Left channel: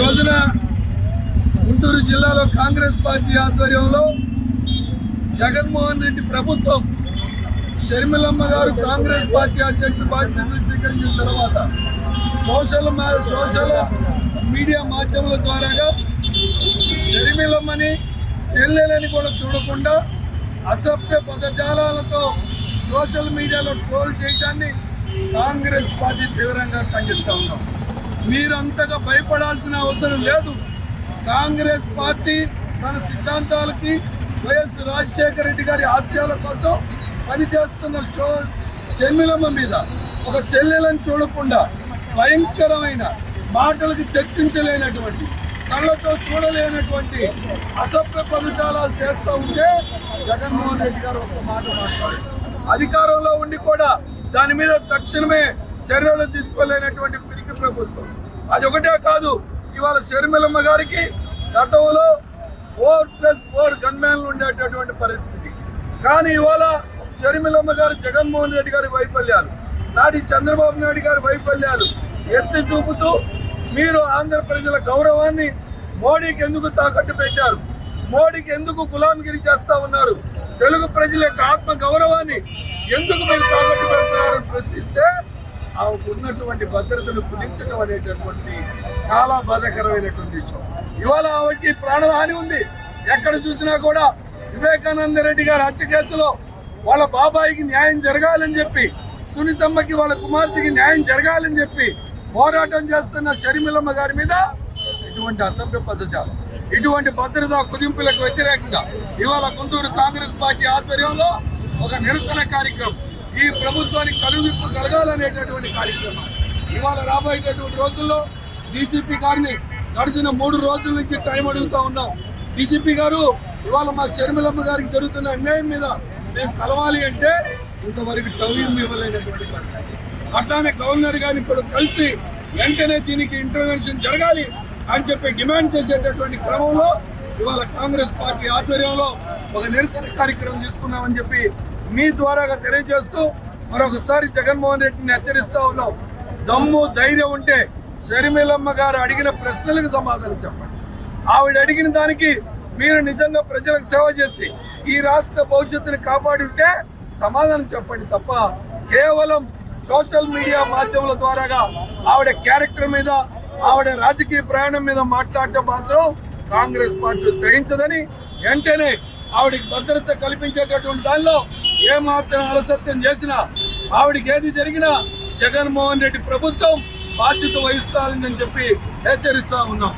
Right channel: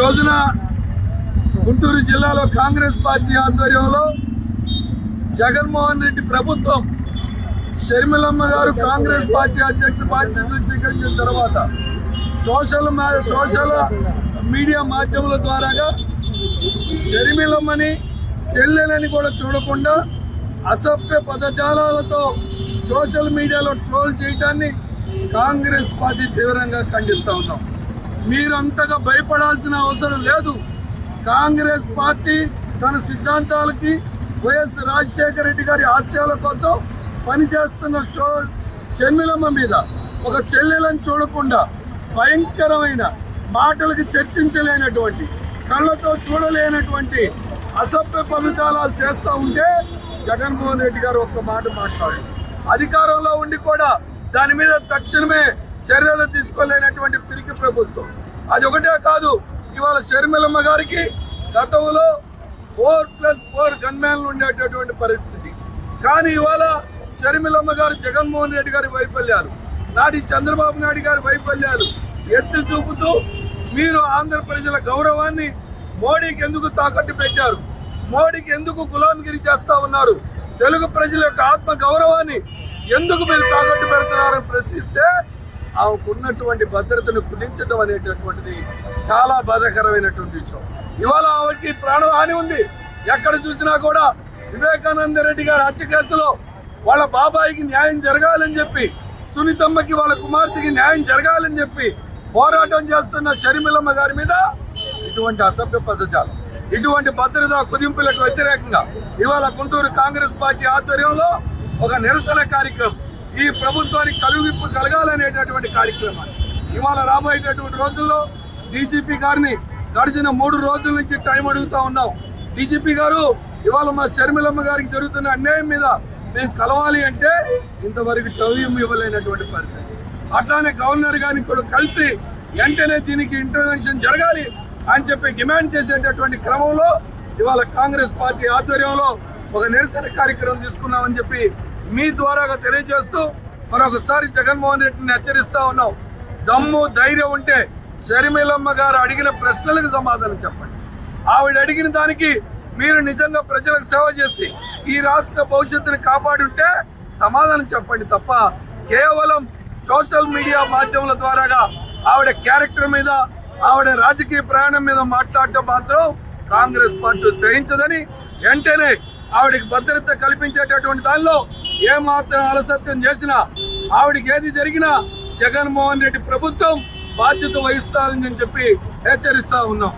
రోజున గుంటూరు జిల్లాలో కాంగ్రెస్ పార్టీ ఆధ్వర్యంలో జగన్మోహన్ రెడ్డి ప్రభుత్వం షర్మిలమ్మ గారు కాంగ్రెస్ పార్టీ అధ్యక్షుడు బాధ్యతలు స్వీకరించిన తర్వాత సోషల్ మీడియా మాధ్యమాల ద్వారాగా షర్మిలమ్మని చెల్లెలని కూడా చూడకుండా అసభ్య పదజాలాలతో సోషల్ మీడియాలో ట్రోల్ చేయడాన్ని కాంగ్రెస్ పార్టీ తీవ్రంగా ఖండిస్తూ ఉన్నాం. మీరు అంతగా భయపడాల్సిన అవసరం లేదు. కాంగ్రెస్ పార్టీ తన సిద్ధాంతాలకి వైఎస్ రాజశేఖర రెడ్డి గారి ఆశయాల కోసం పనిచేస్తున్న షర్మిలమ్మ మీద ఒక చెల్లెలను చూడకుండా భయంకరమైన మాటలకి చర్చించలేనటువంటి కళ్ళతో చూడలేనటువంటి అసభ్య పదజాలాలు చేస్తూ ఉంటే జగన్మోహన్ రెడ్డి గారు ఒక్క మాట మాట్లాడారు. అధికారంలో ఉండి కూడా దాని మీద తక్షణమే చర్యలు తీసుకోలేనటువంటి పిరికి ప్రభుత్వం. అది ఒకటే కాదు, ఇవాళ షర్మిలమ్మ గారికి గతంలో 4+4 గన్మ్యాన్లు ఉండేటటువంటి పరిస్థితి. కానీ ఇవాళ షర్మిలమ్మ గారు జగన్మోహన్ రెడ్డి గారి వైఫల్యాలు, నాటి చంద్రబాబు నాయుడు గారి వైఫల్యాలు ఎత్తి చూపుతూ మీరు ఆంధ్ర ప్రజల గౌరవాన్ని మోడీకి ఎందుకు తాకట్టు పెట్టారు, మోడీకి ఎందుకు గులాంగిరి చేస్తా ఉన్నారు, తెలుగు ప్రజల యొక్క ఆత్మ గౌరవాన్ని ఎందుకు మీరు తాకట్టు పెడుతున్నారని ప్రశ్నిస్తే ఆమెకు ఉన్నటువంటి భద్రతను కుదించడం అనేటటువంటిది చాలా బాధాకరమైనటువంటి విషయం. ఇవాళ ఆవిడకి ప్రాణహాని ఉంది. ఎక్కడ చూసినా కూడా వివేకానంద రెడ్డి గారి హత్య కేసులో వాళ్ళ బాబాయికి న్యాయం జరగాలని చెప్పి, సునీతమ్మకి వాళ్ళ కుమార్తెకి న్యాయం జరగాలని చెప్పి పోరాటం చేస్తున్న షర్మిలమ్మ గారి మీద ఇటువంటి అసభ్య పదజాలం, ఇటువంటి భద్రతా కుదింపులకు వ్యతిరేకంగా ఇవాళ గుంటూరు కాంగ్రెస్ పార్టీ ఆధ్వర్యంలో ఒక నిరసన కార్యక్రమం, ఈ ప్రభుత్వానికి కలుగుప్పు కలగాలనేటటువంటి కార్యక్రమాలు ఇవాళ రాబోయేటటువంటి రోజుల్లో డీజీపీ గారిని గడిచిన 3 రోజుల నుంచి టైం అడుగుతా ఉన్నాం. డీజీపీ గారు, ఇవాళ మా షర్మిలమ్మ గారికి జరుగుతున్న అన్యాయం మీద మేము కలవాలి అంటే ఇంతవరకు టైం ఇవ్వలేనటువంటి పరిస్థితి. అట్లానే గవర్నర్ గారిని కూడా కలిసి వెంటనే దీనికి ఇంటర్వెన్షన్ జరగాలి అని చెప్పి డిమాండ్ చేసేటటువంటి క్రమంలో ఇవాళ కాంగ్రెస్ పార్టీ ఆధ్వర్యంలో ఒక నిరసన కార్యక్రమం తీసుకున్నామని చెప్పి మీ ద్వారాగా తెలియజేస్తూ మరొకసారి జగన్మోహన్ రెడ్డిని హెచ్చరిస్తా ఉన్నాం. దమ్ము ధైర్యం ఉంటే షర్మిలమ్మ గారు అడిగిన ప్రశ్నలకు సమాధానం చెప్పండి. ఆవిడ అడిగిన దానికి మీరు నిజంగా ప్రజలకు సేవ చేసి ఈ రాష్ట్ర భవిష్యత్తును కాపాడుంటే సమాధానం చెప్పండి తప్ప కేవలం సోషల్ మీడియా మాధ్యమాల ద్వారాగా ఆవిడ క్యారెక్టర్ మీద, ఆవిడ రాజకీయ ప్రయాణం మీద మాట్లాడటం మాత్రం కాంగ్రెస్ పార్టీ సహించదని, వెంటనే ఆవిడికి భద్రత కల్పించేటటువంటి దానిలో ఏమాత్రం అలసత్వం చేసినా, ఆవిడికి ఏది జరిగినా జగన్మోహన్ రెడ్డి ప్రభుత్వం బాధ్యత వహిస్తాదని చెప్పి హెచ్చరిస్తా ఉన్నాం.